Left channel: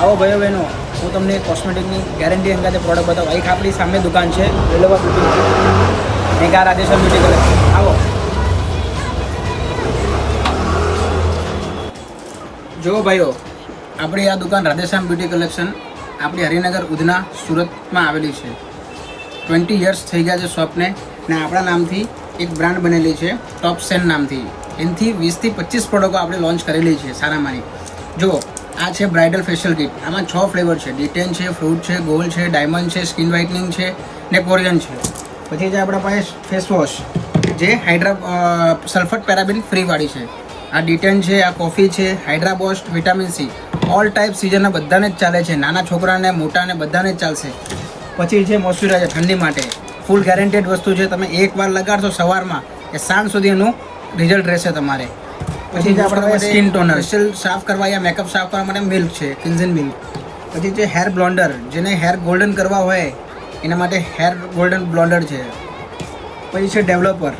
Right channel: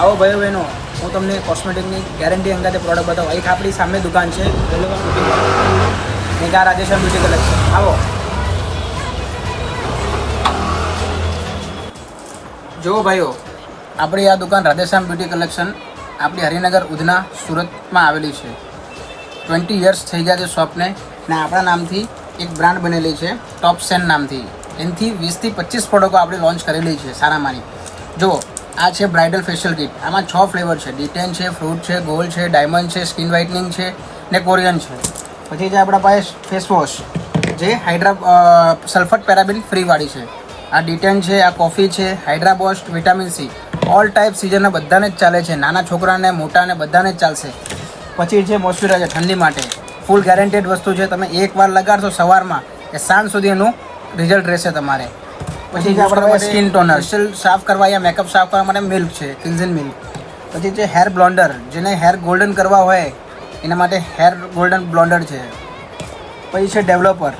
આવો ભાઈઓ બહેનો, હું તમને કોસ્મેટિકની ગેરંટી અંગાતે પ્રોડક્ટ બતાવું. એક આપણી સામે દુકાન છે મેગા રાધેશ્યામ બ્યુટી કલેક્શન. આવો જુઓ ભાઈઓ, આપણી આ દુકાન રાધેશ્યામ બ્યુટી કલેક્શન આપણી હરિનગર ઉધના સુરતમાં આવેલી છે. 20 યર્સ થઈ ગયા છે શોપને, ને આપણા નામથી એક બ્રાન્ડ બનેલી છે ટોપ સેન નામથી. એનાથી 20 થી 25 પ્રોડક્ટો આપણે લોન્ચ કરેલી છે સારામાંની. જુઓ, આ છે બ્રાઇડલ ફેશિયલ કિટ. આમાં 6 ફ્લેવર છે. ડિટેન છે, ફ્રૂટ છે, ગોલ્ડ છે, ડાયમંડ છે, સ્કિન વ્હાઇટનિંગ છે ને કોરિયન છે. પછી જે આપણા પાસે ફેસ વોશ જે સલ્ફર પેરાબિન ફ્રીવાળી છે. આ ડિટેન છે, આ કોફી છે, hydra boost, vitamin C, all type સિઝનના બધાને જ ચાલે છે. નાના છોકરાને મોટાને બધાને જ ચાલશે. પછી છે મોઇશ્ચરાઇઝર ઠંડી માટે. ફૂલ ગેરંટેડ વસ્તુ છે. તમે એકવાર લગાડશો સવારમાં કે સાંજ સુધી એનું રિઝલ્ટ રહેશે તમારે. પછી જે આપણા પાસે સ્કિન ટોનર સાફ કરવા યા મેકઅપ સાફ કરવા માટે મિલ્ક છે, ક્લિન્ઝિંગ મિલ્ક. પછી છે હેર બ્લોન્ડર, જેને હેર ગોલ્ડન કરવા હોય એના માટે હેર ગોલ્ડન બ્લોન્ડર છે. પછી છે ડેવલપર,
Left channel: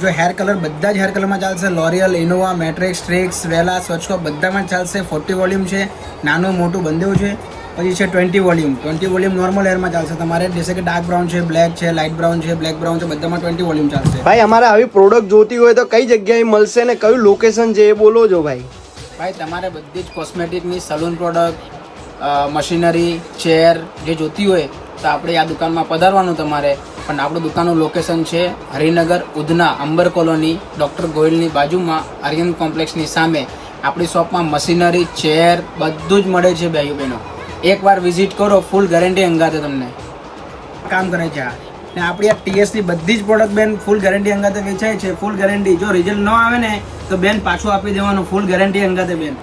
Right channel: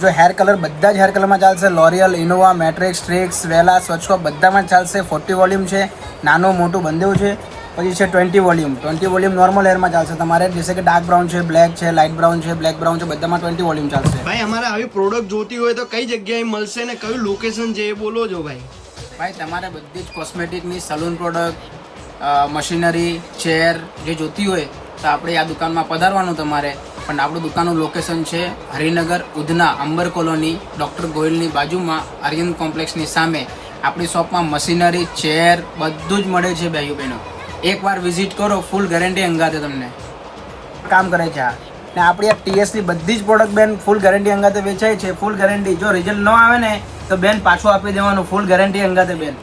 જો હેર કલર બધા જ હેર કલરમાં ચાલશે. લોરિયલ, ઇનોવા, મેટ્રિક્સ, સ્ટ્રિક્સ, વેલા, સ્વચ્છો બધામાં ચાલશે. 40 વોલ્યુમ છે, નાનું મોટું બંધેવું છે. પછી છે 20 વોલ્યુમ. 20 વોલ્યુમ નોર્મલ હેરમાં ચાલશે તમારે, જેસે કે ડાર્ક બ્રાઉન છે, બ્લેક છે, લાઇટ બ્રાઉન છે, બ્લેક બ્રાઉન છે, બધામાં 20 વોલ્યુમ ચાલશે. ભાઈ અમારે આવી પ્રોડક્ટ જોતી હોય તો કઈ જગ્યાએ મળશે ને કયું લોકેશન છે એ બોલો જો ભાઈ. ભાઈ તમારે બધી જ કોસ્મેટિકની સલૂન પ્રોડક્ટ, મશીનરી, ચેર જે જોતી હોય તો આપણે આ દુકાનમાં પધારવાનું તમારે. પણ આપણું દુકાનનું લોકેશન છે હરિનગર ઉધના અંબર કોલોની, ડૉક્ટર ગોયલની બાજુમાં, આર્યન કોમ્પ્લેક્સની સામે. આપણી શોપમાં મશીનરી, ચેર બધું જ મળે છે ભાઈઓ બહેનો. એકવાર વિઝિટ કરો, ફૂલ ગેરંટી અંગાતે તમને કામ કરે છે આ. ને આપણી આ ટીએસની બધી જ પ્રોડક્ટ બેન ફૂલ ગેરંટી અંગાતે વેચાય છે. ફૂલ ગેરંટી, જો રિઝલ્ટ ન આવે ને તો બેન પાછું આપી દેવાનું, ફૂલ ગેરંટી અંગાતે બેન.